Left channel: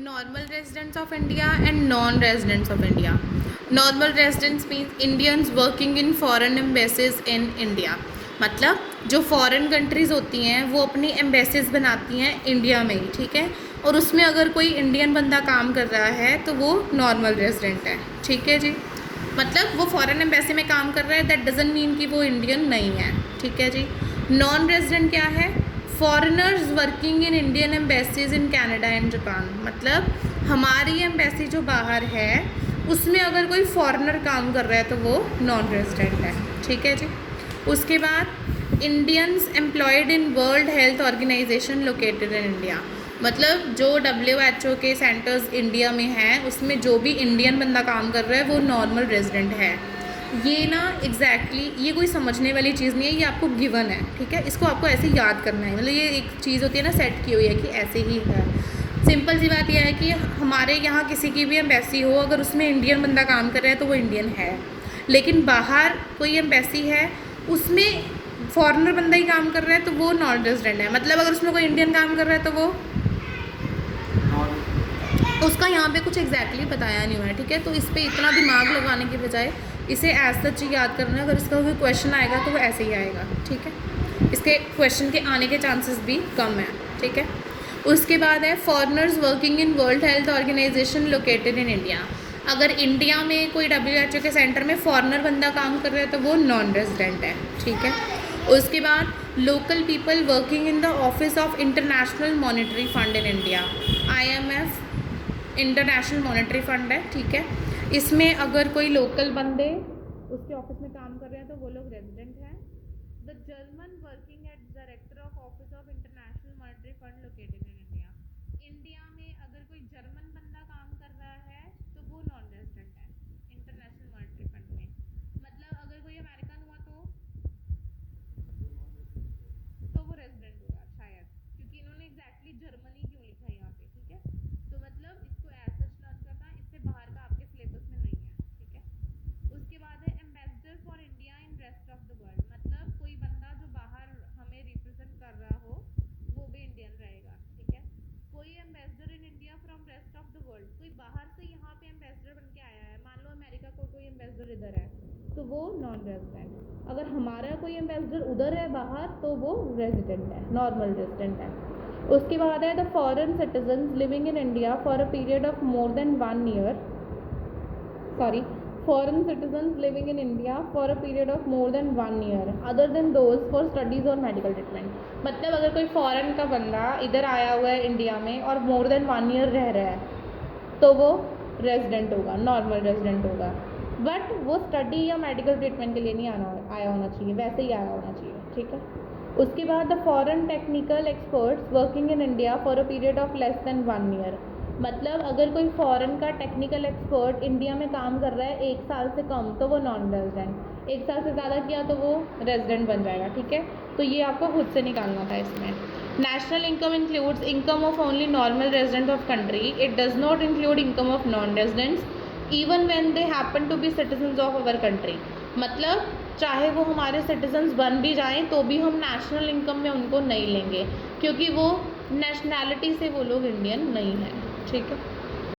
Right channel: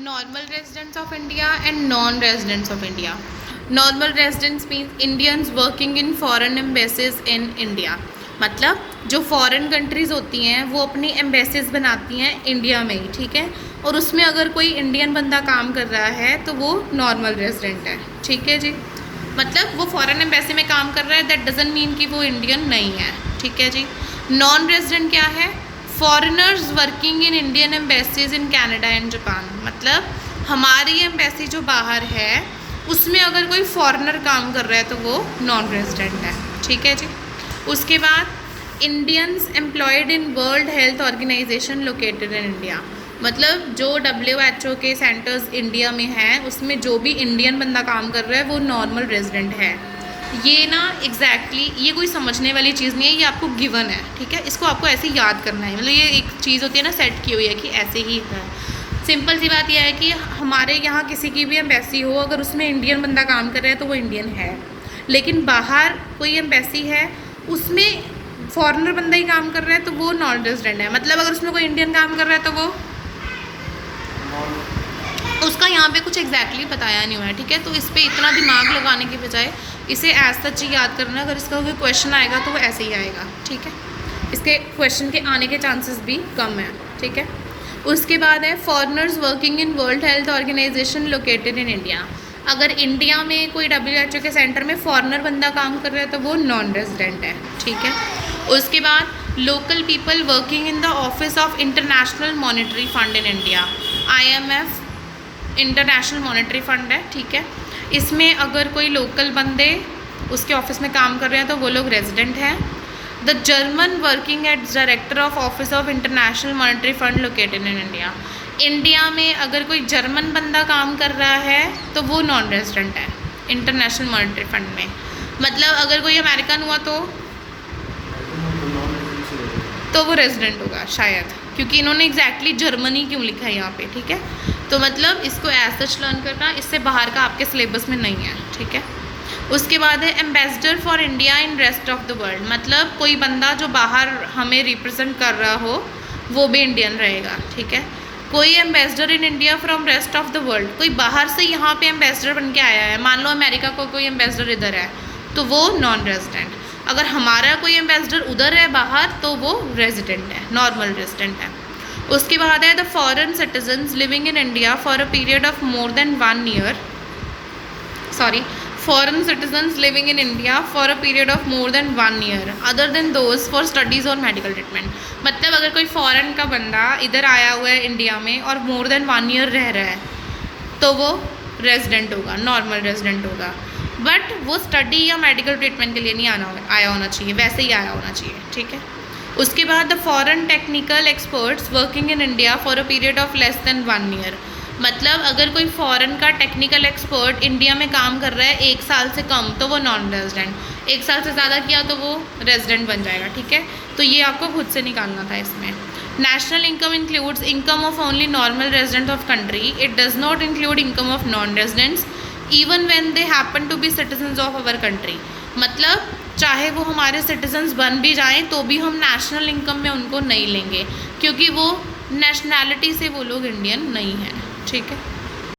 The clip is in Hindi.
Normal residents of India and non-residents of India. Normal residents means Indians working in foreign embassies in India. मतलब जो फॉरेन कंट्रीज़ होती हैं वो अपनी एम्बेसीज बनाती हैं इंडिया में ही, ठीक है। और उसमें अगर कोई इंडियन बंदा काम कर रहा है तो वो नॉर्मल रेजिडेंट है, ठीक है जी। मतलब वो फॉरेन एम्बेसी में काम कर रहा है, दैट डजंट मीन कि वो इंडियन नहीं है, ठीक है जी। नॉन रेजिडेंट क्या है? Foreigners working in Indian embassies in Canada and Japan. मतलब हमारी एम्बेसी जो बाहर है उसमें अगर कोई फॉरेनर काम कर रहा है तो वो नॉन रेजिडेंट है, ठीक है जी। उसके बाद Indians employed in World Health Organization located in India. मतलब जो WHO के सेंटर्स इंडिया में हैं उसमें जो भी इंडियन बंदा काम कर रहा है वो नॉर्मल रेजिडेंट है। ये ना एग्जैक्टली ये कोई समझने वाली चीज़ नहीं है, ये आपको गिवन है, ठीक है। इसको आपको ऐसे याद करना है, मतलब ये एक चीज़ होती है ना सेट की हुई है कि ऐसे ही है। सिंपल सी बात यह है कि हमारे यहाँ किसी की भी एम्बेसी हो, अगर उसमें इंडियन बंदा काम कर रहा है तो वो इंडियन है। लेकिन बाहर कोई एम्बेसी है उसमें फॉरेनर बंदा ही काम कर रहा है तो वो नॉन रेजिडेंट है। मतलब अगर उसमें कोई इंडियन काम कर रहा है तो वो उसका यहाँ पे कुछ एग्जैक्टली बताया नहीं हुआ है, ठीक है। तो इस पर इतना दिमाग लगाने के बजाय इसे एज सच ही याद करना। अगर इसका कोई क्वेश्चन आएगा तो वो ऐसे ही आएगा, ठीक है। इसके क्वेश्चन के आने के चांसेस भी कम है, ठीक है। उसके बाद है foreigners working in World Health Organization located in India. अगर इंडिया में कोई WHO के सेंटर में फॉरेनर बंदा काम कर रहा है तो वो नॉन रेजिडेंट है, ठीक है। उसके बाद local people working in the office of international monetary fund in India. IMF international monetary fund है, ठीक है। इसमें अगर कोई लोकल बंदे उसके ऑफिस में काम कर रहे हैं तो वो लोग रेजिडेंट हैं। The German working at director of office of international monetary fund located in India. India में अगर कोई जर्मन बंदा काम कर रहा है तो वो नॉन रेजिडेंट है इंटरनेशनल मॉनेटरी फंड में। मतलब अगर कोई अमेरिकन हुआ तो वो रेजिडेंट होगा शायद, क्योंकि इन्होंने एग्जैक्टली जर्मनी क्यों लिखा है यहाँ पे, ठीक है। तो मतलब इसको एज सच लर्न करना, इससे बाहर का आपके सिलेबस में नहीं है, ठीक है। उसके बाद है ambassador for India in rest of the world. मतलब कोई बंदा जो बाहर हमें रिप्रेजेंट कर रहा हो वो भी इंडियन रहेगा, ठीक है। कोई ambassador in India from rest of the world, कोई बाहर से यहाँ पे एम्बेसडर बन के आया है, मान लो अमेरिका को कोई एम्बेसडर इधर है तो वो नॉन रेजिडेंट। अगर हमारा कोई एम्बेसडर उधर है बाहर तो वो रेजिडेंट है, नॉर्मल रेजिडेंट है। उसके बाद है the foreign citizens living in India for a period of more than 1 year. Foreign citizens living in India for a period of more than 1 year other than those for studies or medical treatment। मतलब अगर कोई फॉरेन का बंदा इधर आया हुआ है इंडिया में और मोर देन 1 ईयर रह रहा है तो वो रेजिडेंट होगा, नॉर्मल रेजिडेंट होगा। बट वो स्टडी या मेडिकल ट्रीटमेंट के लिए नहीं आया होना चाहिए, वैसे ही आया होना चाहिए, ठीक है। उसके बाद the foreign technical experts working in India for a period of less than 1 year. मतलब अगर कोई फॉरेन का टेक्निकल एक्सपर्ट इंडिया में काम कर रहा है 1 साल से कम तो वो नॉन रेजिडेंट, 1 साल से ज़्यादा किया तो वो रेजिडेंट बन जाएगा, ठीक है। तो ये आपको खुद से निकालना था इसमें। National income includes income of only normal resident of country, it does not include income of non residents even when they happen to be citizens of our country. मतलब चाहे वो हमारे सिटीजन्स बन भी जाएँ तो भी हम नेशनल इनकम में उनको नहीं लेंगे, क्योंकि वो नेशनैलिटी से वो लोग इंडियन नहीं हैं, ठीक है।